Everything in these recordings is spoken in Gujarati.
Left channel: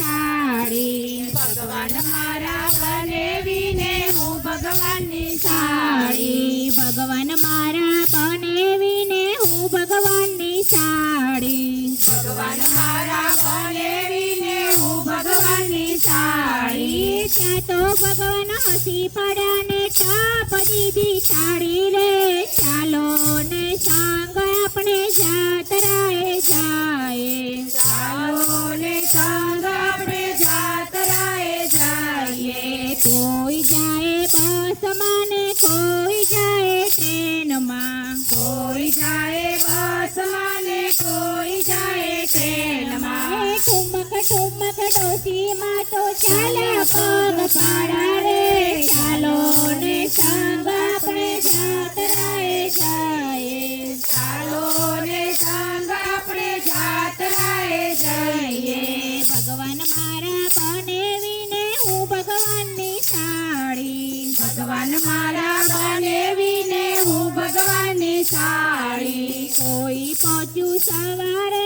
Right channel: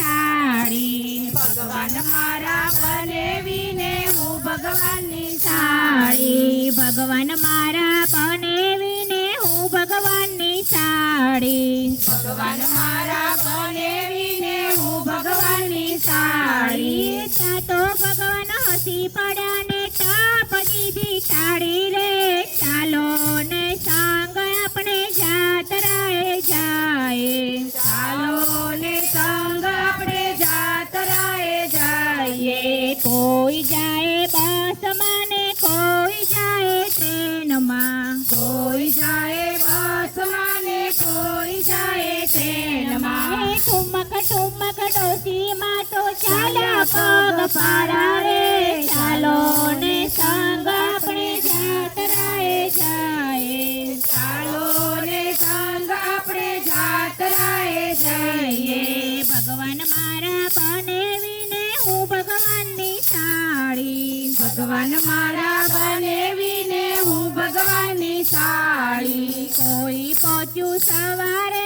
સાડી સાડી ભગવાન મારા બનેવીને સાડી ભગવાન સાડી. ત્યાં તો ભગવાન હસી પડ્યા ને ટાપ દીધી સાડી રે. ચાલો ને સંગ આપણે જાતરાએ જાય ટ્રેનમાં એ ઠુમક ઠુમક તો ચાલ્યા પગ પારા રે ચાલો ને સંગ જાય. ચાલો ને સંગ આપણે જઈએ. ભગવાન મારા બનેવીને હું ભગવાનની સાડી. ભગવાન મારા બનેવીને હું ભગવાનની સાડી. કોઈ પહોંચ્યું સવારે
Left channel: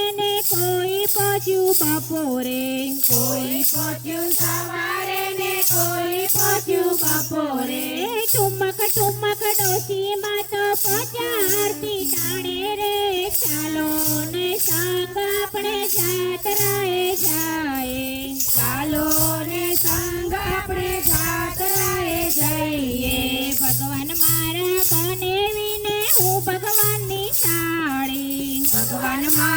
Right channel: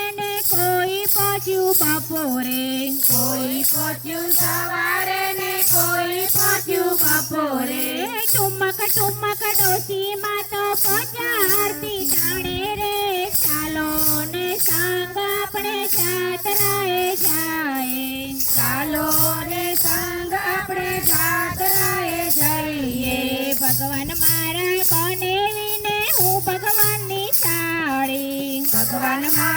પહોંચ્યું બપોરે. કોઈ પહોંચ્યું સવારે ને કોઈ પહોંચ્યું બપોરે. ટુમક ટુમક ડોસી તો પહોંચ્યા આરતી ટાણે રે. ચાલો ને સાંગ આપણે જાતરાએ જાય ચાલો ને સાંગ આપણે જાતરાએ જઈએ. ભગવાન મારા બનેવીને હું ભગવાનની સાડી. ભગવાન મારા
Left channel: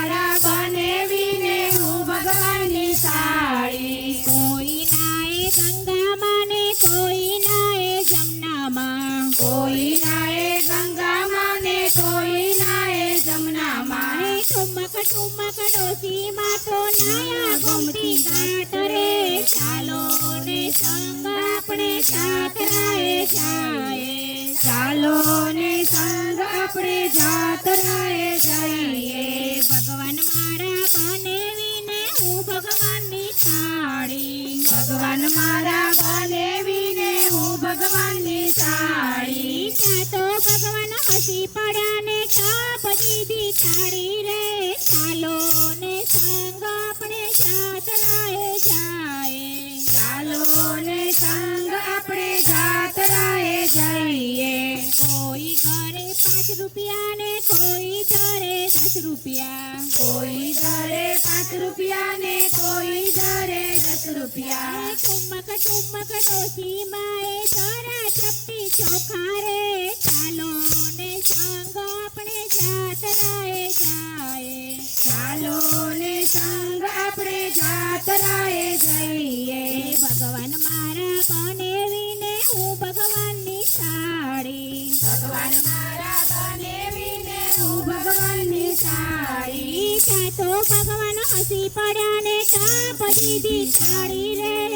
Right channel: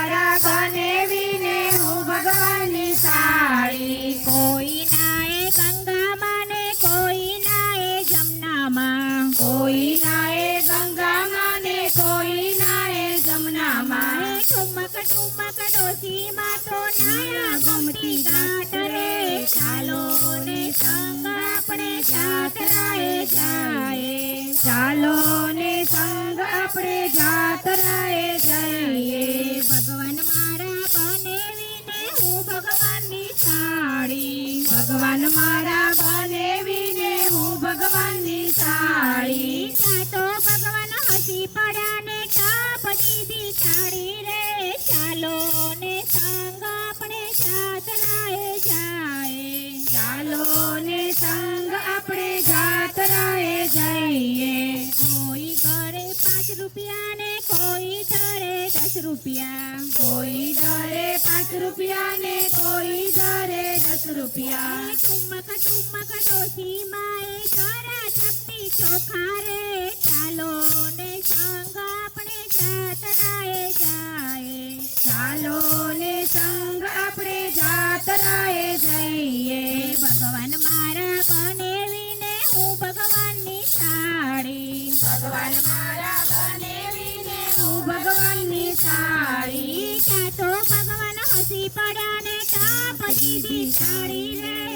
જાય. ભગવાન મારા બનેવીને હું ભગવાનની સાડી. ભગવાન મારા બનેવીને હું ભગવાનની સાડી. ત્યાં ભગવાન હસી પડ્યા ટાપ દીધી થાળી રે, ચાલો ને સાંગ આપણે જાતરાએ જાય. ચાલો ને સાંગ આપણે જાતરાએ જઈએ. કોઈ ઘરે પાંચ રૂપિયા ને કોઈ ઘરે દસ રૂપિયા. કોઈ ધરે પાંચ રૂપિયા ને કોઈ ધરે દસ રૂપિયા. ઠુમક ઠુમક ડોસી માએ જરા ચપટી ચોખા રે ચાલો ને સંગ આપણે જાતરાએ જાય ચાલો ને સંગ આપણે જાતરાએ જઈએ. ભગવાન મારા બનેવીને ત્યાં તો ભગવાન હસી પડ્યા ને કાપ દીધી સાડી રે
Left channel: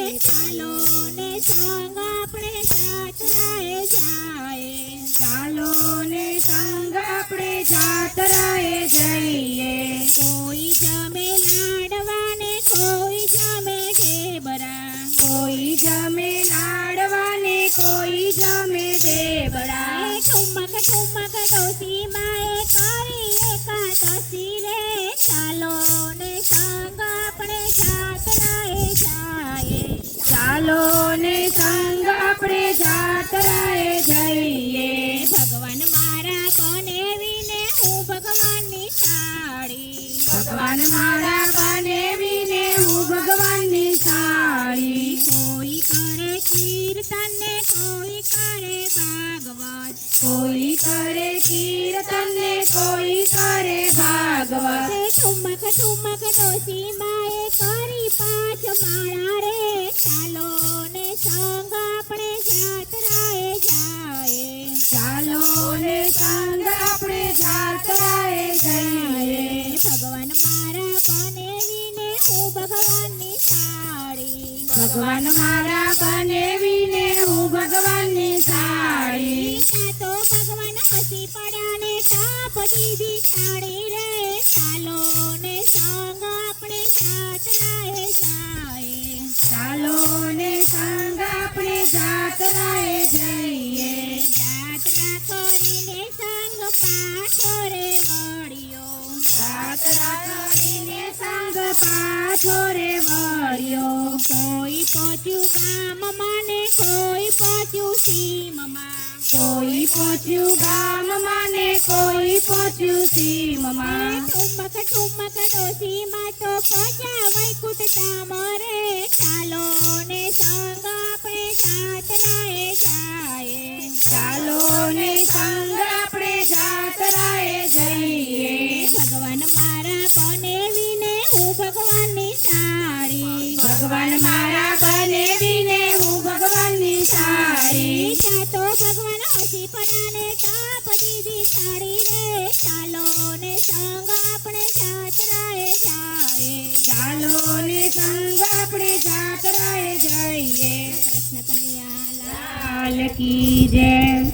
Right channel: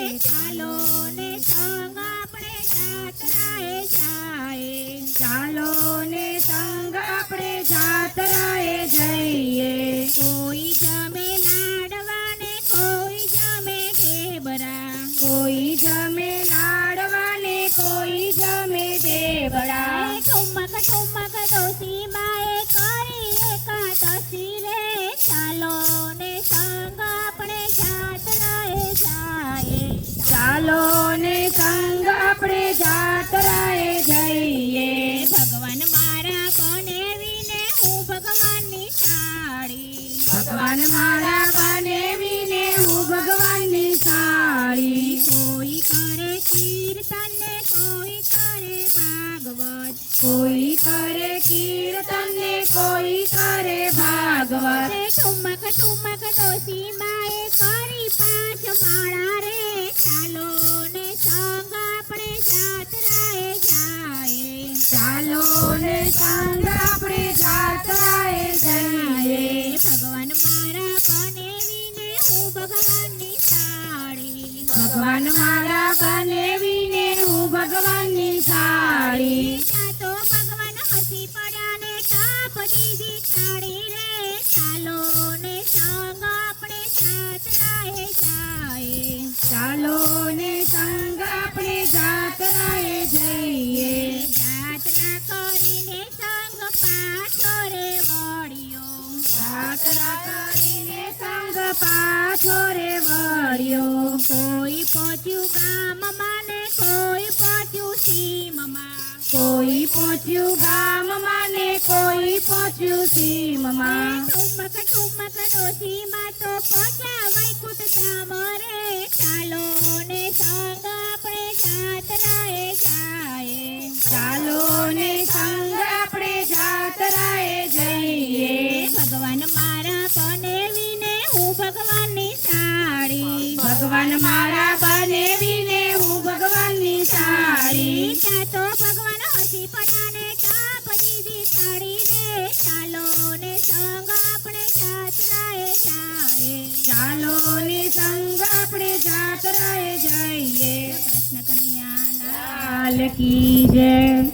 ઠુમક ઠુમક ડોસી માએ કરી પાંચ માળા રે. ચાલો ને સંગ આપણે જાતરાએ જાય ચાલો ને સંગ આપણે જાતરાએ જઈએ. ભગવાન મારા હું ભગવાનની સાડી. ભગવાન મારા બનેવીને હું ભગવાનની સાડી. તો ભગવાન હસી પડ્યા ને તાપ દીધી સાડી રે. ચાલો ને સંગ આપણે જાતરાએ જાય. ચાલો ને સંગ આપણે જાતરાએ જઈએ. જાત્રા કરીને સંગ પાછો રે વળ્યો. જાત્રા કરીને સંગ પાછો રે વળ્યો. કોઈ પહોંચ્યું ગામમાં ને કોઈ પહોંચ્યું સીમમાં. કોઈ પહોંચ્યું ગામમાં ને કોઈ પહોંચ્યું સીમમાં. તો પહોંચ્યા વૈકુંઠ ચામરે ચાલો ને સંગ આપણે જાતરાએ જાય ચાલો ને સંગ આપણે જાતરાએ જઈએ. ભગવાન મારા પણ વિને હું ભગવાનની સાડી. ભગવાન મારા ચાલો ને સંગ આપણે જાત્રાએ જાવે ચાલો ને સંગ આપણે જાત્રાએ જઈએ. કૃષ્ણ કનૈયા લાલ કી જય.